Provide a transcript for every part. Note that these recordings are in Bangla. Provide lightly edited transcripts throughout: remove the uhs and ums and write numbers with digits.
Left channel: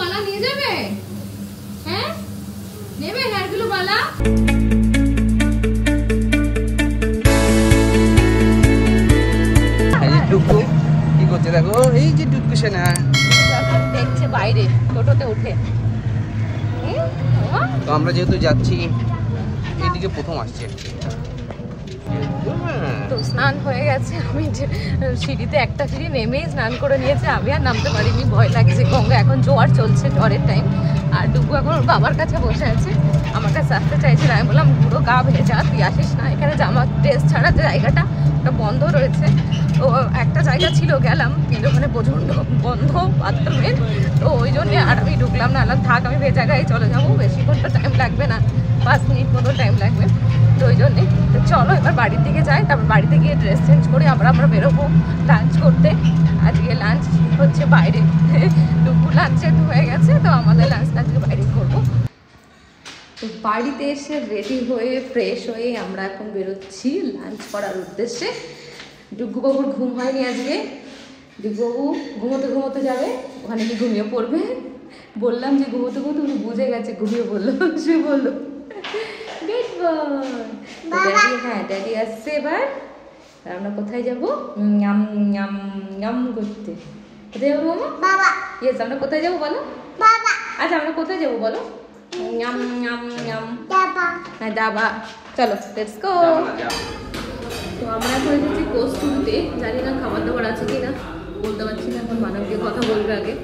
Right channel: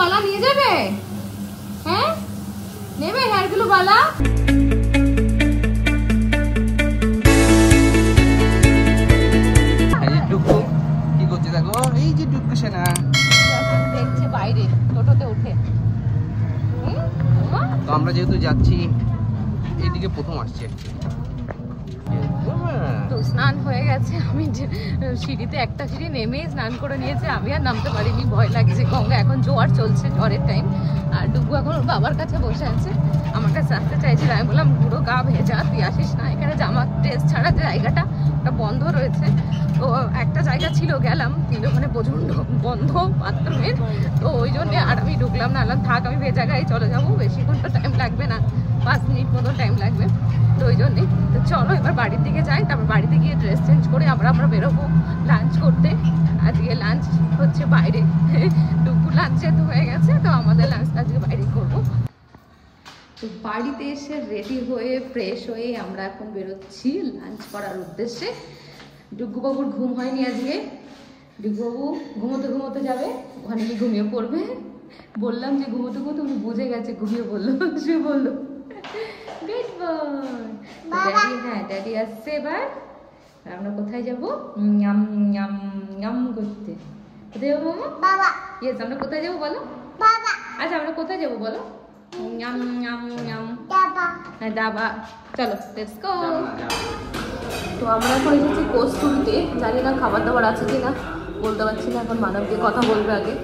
বালা নিয়ে যাবে? হ্যাঁ নেবে হেয়ার গুলো বালা? কি করছে দেখো, এই যে ডুবু সেনা দেখছে বাইরে টোটোতে উঠে। তো আমরা যেহেতু যাচ্ছি এইদিকে প্রথম আসছে, তো স্নান হয়ে গেছে। আমি সিঁড়িতে একটা সিঁড়ি নেমেই স্নান করে নিয়েছে, আমি আর নামতে পারিনি, ভয় লাগছে। গঙ্গা এখন জোয়ার চলছে, ঝড়ের টাইম। আর দুপু এখন বাবার কাছে বসে আছে, আমার কাছে আসতে চাইছিল। আমি বললাম পুরো গা ভেজা, তুই আসিস না, এখানে জামা ড্রেস ছাড়া যে জায়গাটা ওটা বন্ধ রয়েছে। তো একটা জায়গা ছিল গেলাম, কিন্তু ওখানে প্রচণ্ড বন্ধ বাথরুমের, তো ওই জন্যে আর আমি ঢুকলাম না। আলাম থাক, আমি ভেজা গায়ে চলে যাবো, বেশিক্ষণটা টাইম লাগবে না, 5 মিনিট মতো টাইম লাগবে। তো ওই জন্যে চলো এবার বাড়ির দিকে যাই, তারপর বাড়িতে গিয়ে ড্রেস চেঞ্জ করে আমরা বেরোবো লাঞ্চ করতে। আজকে লাঞ্চ হচ্ছে বাইরে, দুপুর লাঞ্চ যেহেতু হয়ে গেছে, তো আমাদের লাঞ্চটা আজকে বাইরে করবো। তো বাড়িতে এসে রেডি হয়ে ফ্রেশ হয়ে আমরা এখন বেরোচ্ছি লাঞ্চ করার উদ্দেশ্যে। ডুগুবাবুর ঘুম হয়নি আজকে, ডুগুবাবু ঘুমোতে ঘুমোতে যাবে, ওখানে কি ঘুমিয়ে পড়বে। বললাম যে ঘুমোতে ঘুমোতে উনি বুঝে গেছে, ঘুমিয়ে বললো, সে বললো হ্যাঁ ড্যাডি আসছে এবার। আমরা কোথায় যাবো? নাম নাম নাম করতে। কোথায় যাবো মামা? বাবা। ইয়েস, আমরা কোথায় যাবো বলো? বাবা। আচ্ছা আমরা কোথায় যাবো বলো? নাম নাম নাম দাবা। হ্যাঁ দাবা, চলো লেটস গো। তো আমরা এখন এসেছি কস্তুরিতে, জানি না খাবার দাবার আছে কিনা বলতে পারছি না। এখন মানবকে কথা বলবে আগে,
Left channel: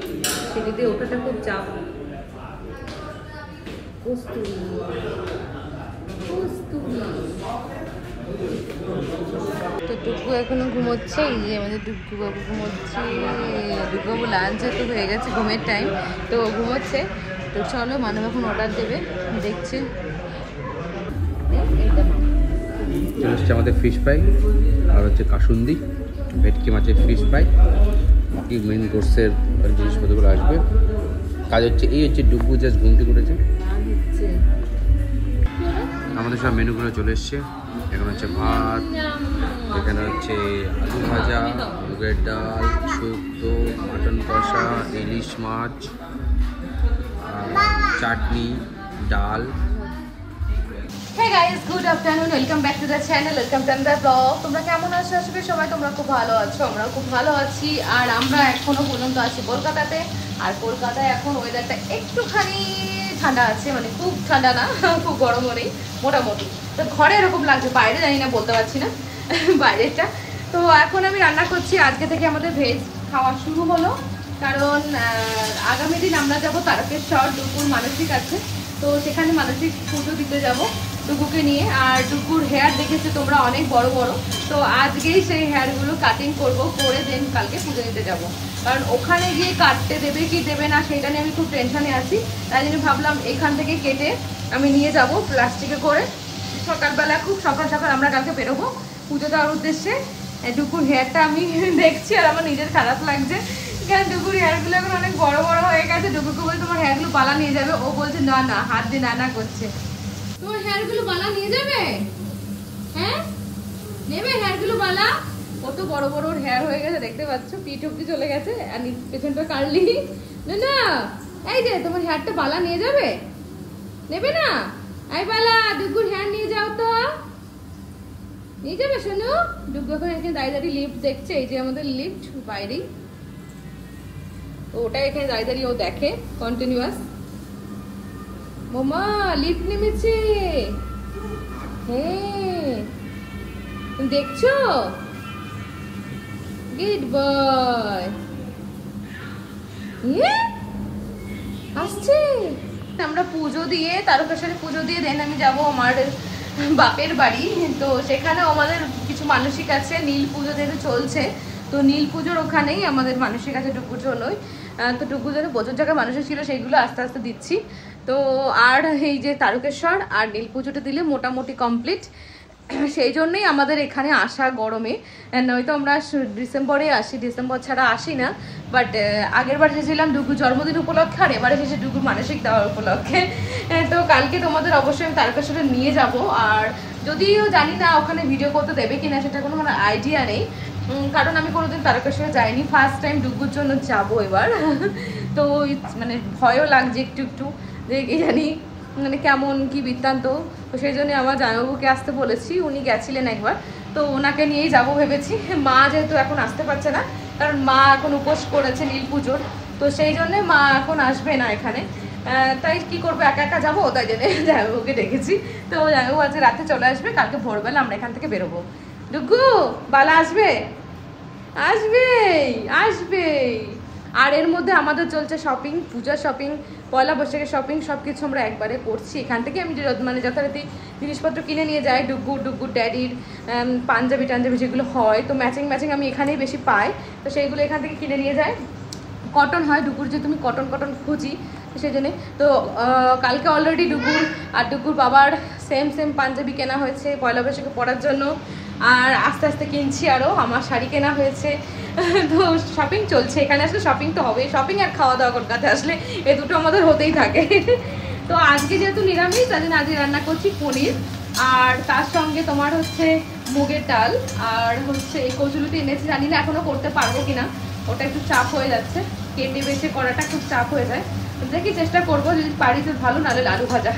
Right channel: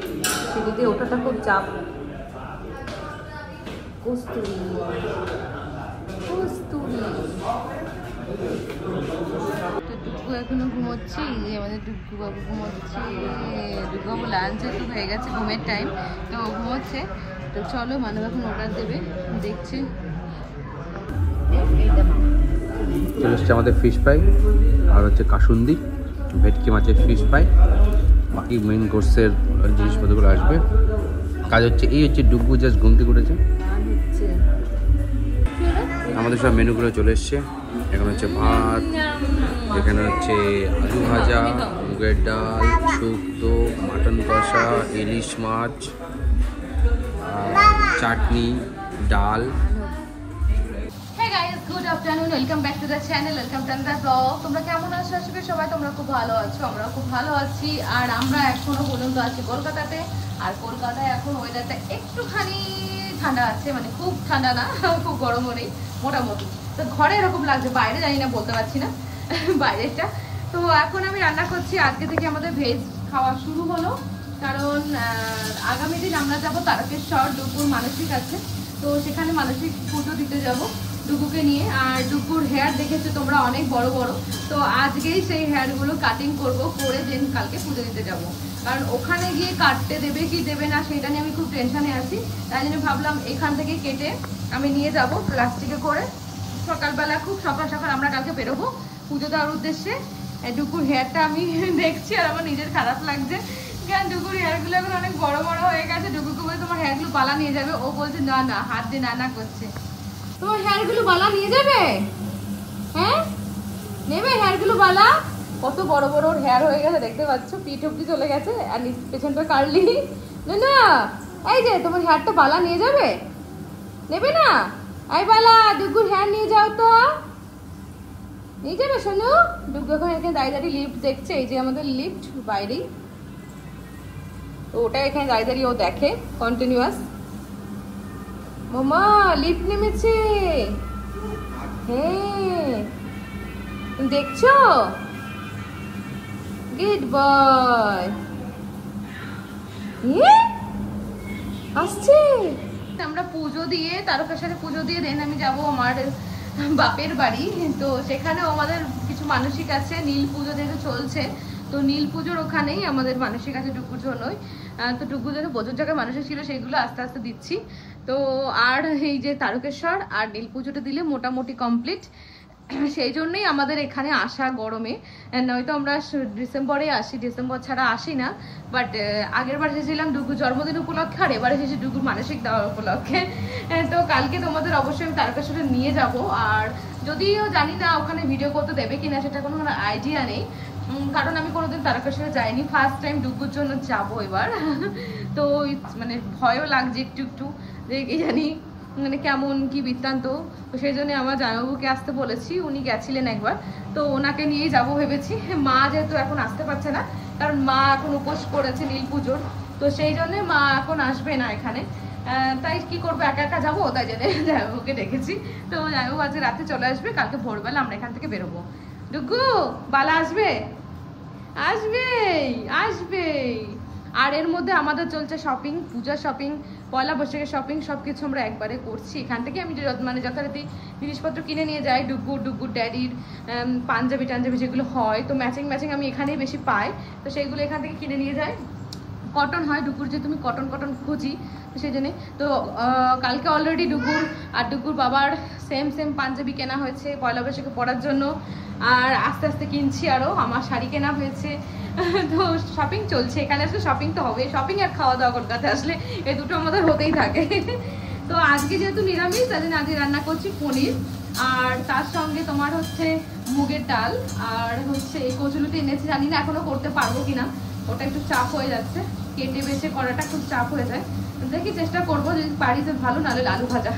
সিঁড়িতে ওঠাটা খুব চাপ। কস্তুরি তো টুকু এখনো ঘুমোচ্ছে, এই যে আমাদের টুকু বাবু ঘুমোচ্ছে। টুকু বাবু লাঞ্চ তো হয়ে গেছে, ঘুমের টাইম, তো ঘুমোচ্ছে। তো চলো মানব এখন অর্ডার দেবে, দেখছি। চলে এসছে আমাদের ফিশ ফ্রাই, আর হচ্ছে কাসুন্দি, ভেটকি মাছের ফিশ ফ্রাই, বাকি মেন কোর্সের জিনিসপত্রগুলো আসবে। কাজ হচ্ছে এই হচ্ছে ডুবু জাস্ট ঘুমতে করেছে। আমাদের সব মেনুগুলো চলে এসছে। এখন হচ্ছে ভাত, এখানে হচ্ছে আলু ভাজা, মুগের ডাল, শুক্তো, মাটন কষা, ইলিশ মাছ, চাটনি, ডাল। Hey guys, good afternoon, welcome back to the channel, welcome to another vlog. তোমরা কেমন আছো? আসলে সবাই তোমরা খুব ভালো আছো, আমরাও খুব ভালো আছি। আর আমরা এখনো পর্যন্ত আছি কলকাতাতে। আর কলকাতায় এখন ওয়েদারটা একটুখানি ঠান্ডা আছে, মানে খুব ঠান্ডা না, খুব গরমও নেই, মোটামুটি। তো ঘরে এরকম লাগছে, বাইরে জানি না, বলতে পারছি না বাইরেটা। তো এখন আমি রান্না করছি, আজকে থেকে আমাদের ভেজ খাওয়া শুরু হলো, কারণ আগামী দিন আমরা যাব তারকেশ্বর, ডুকুর মানসিক আছে, তো সেখানে মানসিক পুজো দিতে যাব ডুকুকে নিয়ে। আর ডুকুর হেয়ার দেখেছো তোমরা অনেক বড় বড়, তো আজকেই সেই হেয়ারগুলো কাটিং করব, করে দেন কালকে পুজো দিতে যাব। কারণ ওখানে গিয়ে কাটতে দেবে কি দেবে না সেটা নিয়ে আমি খুব টেনশনে আছি, তাই জন্য ভাবলাম এখান থেকে কেটে আমি নিয়ে যাব প্লাস্টিকে করে। সকালবেলা খুব সকাল সকাল আমরা কালকে বেরোবো পুজো দেওয়ার উদ্দেশ্যে। ডুকুর হেয়ারটা আমি দেখছি আর আমার নিজের খারাপ লাগছে, কারণ ডুকুর হেয়ারগুলো এখন অনেক বড় বড় হয়ে গেছে। ডুকুকে বলছে তোমার হেয়ারগুলো বালা নিয়ে যাবে, ও বলছে না না, হাত দিয়ে না করছে। তোমার হেয়ারগুলো বালা নিয়ে যাবে? হ্যাঁ নেবে হেয়ারগুলো বালা? কত বড় বড় ওর হেয়ার হয়ে গেছে দেখতে পাচ্ছ, পিঠ অব্দি চলে গেছে, আর পেছনটা কাটলি না না। এই যে তোমার হেয়ারটা বালা নিয়ে যাবে, নেবে না? এই বালা ডুকুর হেয়ার নিয়ে যাও তো, নিয়ে যাবে শোনো। ডুকু এখন এখানে দাঁড়িয়ে দাঁড়িয়ে লিফট দেখছে, এই যে আমাদের লিফট বাইরেই, তো ওটা এখানে দাঁড়িয়ে দাঁড়িয়ে ও দেখে কন্টিনিউয়াস। মামা লিফট নেমেছে, হ্যাঁ তুমি দেখছো? গুড বয়, আসছে। আমরা পুজো দিয়ে, তারকেশ্বরে পুজো দিয়ে দেন আমি যাবো আমার বাপের বাড়ি। তো সেখানে আমাদের কিছু মানসিক আছে, নীল পুজো যেহেতু চলছে, তো নীল পুজোর ওখানেই আমাদের মানসিক আছে ডুকুর জন্যই। তো ডুকুর জন্য প্রচুর জায়গায় মানুষের ছিল, সেইগুলো আস্তে আস্তে দিচ্ছি। তো আর এই যে তারকেশ্বর আর নীল পুজোটা দিলে মোটামুটি কমপ্লিট, সেই জন্যই আমাদের এখানে আসা গরমে। নয়তো আমরা ডিসেম্বরে আসি, ডিসেম্বর ছাড়া আসি না। বাট আগের বার এসেছিলাম ডুকুর জন্মদিন উপলক্ষে, আর এবার এসেছে ডুকুর মানসিক দেওয়ার উপলক্ষে। তো কালকে তোমাদের অবশ্যই আমি তারকেশ্বরে নিয়ে যাব। আর যদিও জানি না ওখানে ভিডিও করতে দেবে কিনা, সেটা কোনো আইডিয়া নেই, কারণ আমি কোনোদিন তারকেশ্বরে যাইনি, ফার্স্ট টাইম ডুগুর জন্য যাবো এবার। তো মানে ভয়ও লাগছে একটু একটু, যে কি জানি মানে কেমন কি বৃত্তান্ত। তো সেই জন্য আমার জামাইবাবুকে আসতে বলেছি, উনি গেছিলেন একবার, তো ওনাকে নিয়েই যাবো ভেবেছি। মা যেহেতু এখন আসতে পারছে না, কারণ মা এখন উপোস করেছে নীল পুজোর, তো সেই জন্যে মা এখন আসবে না এখানে। তাই কি করবো, একা একা যাবো, তাই জন্য জামাইবাবুকে ডেকেছি। তো জামাইবাবু আজকে রাতে চলে আসবে, কালকে ভোরবেলা আমরা এখান থেকে বেরোবো। ডুগু বালা আসবে? আসবেই আসবেই। আর এর মধ্যে আমাদের চলছে শপিং, পূজার শপিং, পয়লা বৈশাখের শপিং, সব কিছু আমরা একবারে করছি। এখান থেকে আমি মানে যথারীতি জিনিসপত্র কিনে নিয়ে যাই, ডুগুর ড্যাডির পাঞ্জাবি টাঞ্জাবি যেগুলো হয়, তো ম্যাচিং আমি এখানেই বেশি পাই, তো সেইগুলো এখান থেকে কিনে নিয়ে যাই। কটন হয়, ডুগুর যে তুমি কটন খুঁজি, সেই জন্যে। তো কালকে অলরেডি ডুগুর আর ডুগুর বাবার সেম পাঞ্জাবি কেনা হয়েছে পয়লা বৈশাখে পরার জন্য, আর আস্তে আস্তে কিনছি আরও, আমার শাড়ি কেনা হয়েছে। তো শপিং চলছে, এখানে আসলে শপিং তো হবেই, শপিং আর খাওয়া দাওয়া কলকাতা আসলে এই দুটো আমাদের হতেই থাকে। তো আজকে যেহেতু নিরামিষ, তার জন্য আজকে রান্না করছি পনির, আর তার সঙ্গে তোমার হচ্ছে মুগের ডাল, আর হচ্ছে এই কচুলুটি এনেছি, জানি না এখনো করতে পারবো কিনা, ওটা একটু চাপ হয়ে যাচ্ছে, কেটে বেছে করাটা খুব চাপ হয়ে যায়। দেখি চেষ্টা করবো, যদি পারি তো ভালো, নাহলে আলু ভাজা।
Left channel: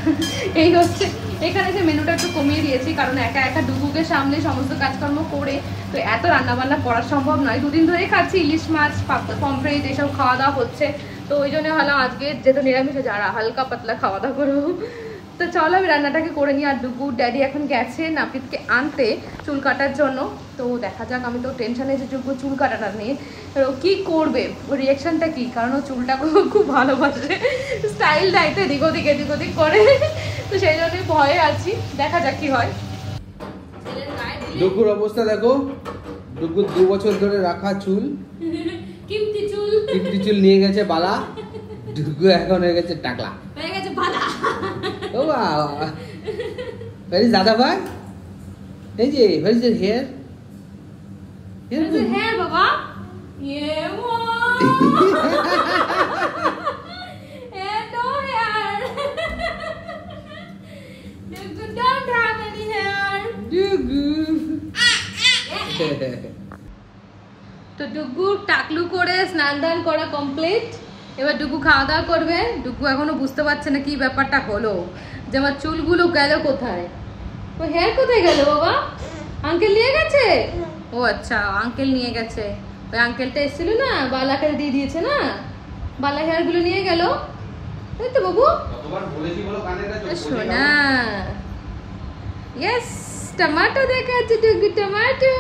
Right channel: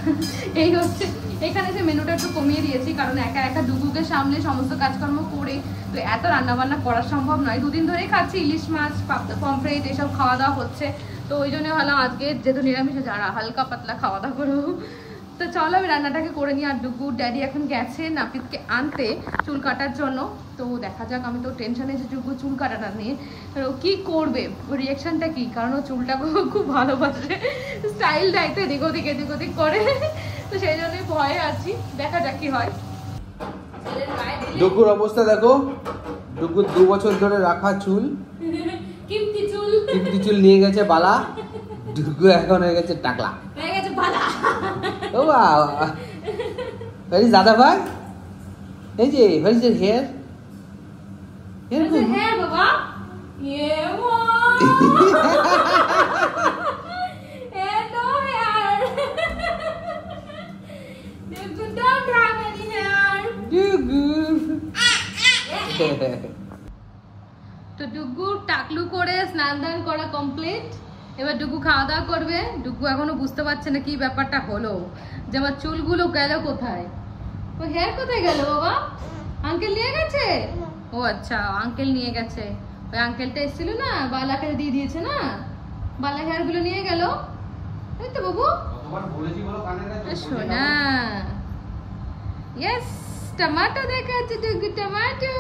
এই হচ্ছে এখানে যে মেনুটা একটু কমিয়ে দিয়েছি, কারণ একা ডুগুকে সামলে সমস্ত কাজকর্ম করে তো এত রান্নাবান্না করা সম্ভব নয়। দুদিন ধরেই খাচ্ছি ইলিশ মাছ, পমফ্রেট এসব খাওয়া দাওয়া হচ্ছে, তো ওই জন্য হলো আজকে যেহেতু নিরামিষে যারা হালকা পাতলা খাওয়া দাওয়া করবো। তো চলো আমি রান্নাটাকে করে নিই। আর ডুগুর ড্যাডি এখন গেছে নাপিতকে আনতে চুল কাটার জন্য, তো দেখা যাক। আমি তো টেনশনে যে ডুগুর চুল কাটাটা নিয়ে কি করবে, ওর রিয়াকশনটা কি, কারণ ও চুলটা খুব ভালোবাসে, স্টাইল দায়িত্ব এদিক ওদিক করে, তো সেই জন্যই ভয়ে আছি, দেখা যাক কি হয়। ডুগুর অবস্থা দেখো, ডুগুর 2 বছর ধরে রাখা চুল, কিমতি চুল নিয়ে গেছে বালা, ডুগু এখন হয়ে গেছে টাকলা, হয়ে গেছে বালা। ও বাবা, ভেরি দাদা ভাই, এই যে হোয়াট ইজ হেয়ার, হেয়ার বাবা, ইয়ে মা, no hair, Dugu don't have any hair, Dugu. তো ডুগু টাকলু করে স্নান দান করা কমপ্লিট, এবার ডুগু খাওয়া দাওয়া করবে। ডুগু এখনো বুঝতে পারছে না কি ব্যাপারটা হলো, যে আমার চুলগুলো গেল কোথায়, ও হেয়ার কোথায় গেল বাবা, আঙ্কেল নিয়ে গেছে? ও আচ্ছা, আঙ্কেল নিয়ে গেছে, ওই আঙ্কেলটা এসেছিল না, বালাকে দিয়ে দিয়েছে না, বালা হেয়ার গুলো নিয়ে গেল, তাই তো বাবু? সোনা, ইয়েস, টমেটো দেখাচ্ছে ডুগু, টমেটো।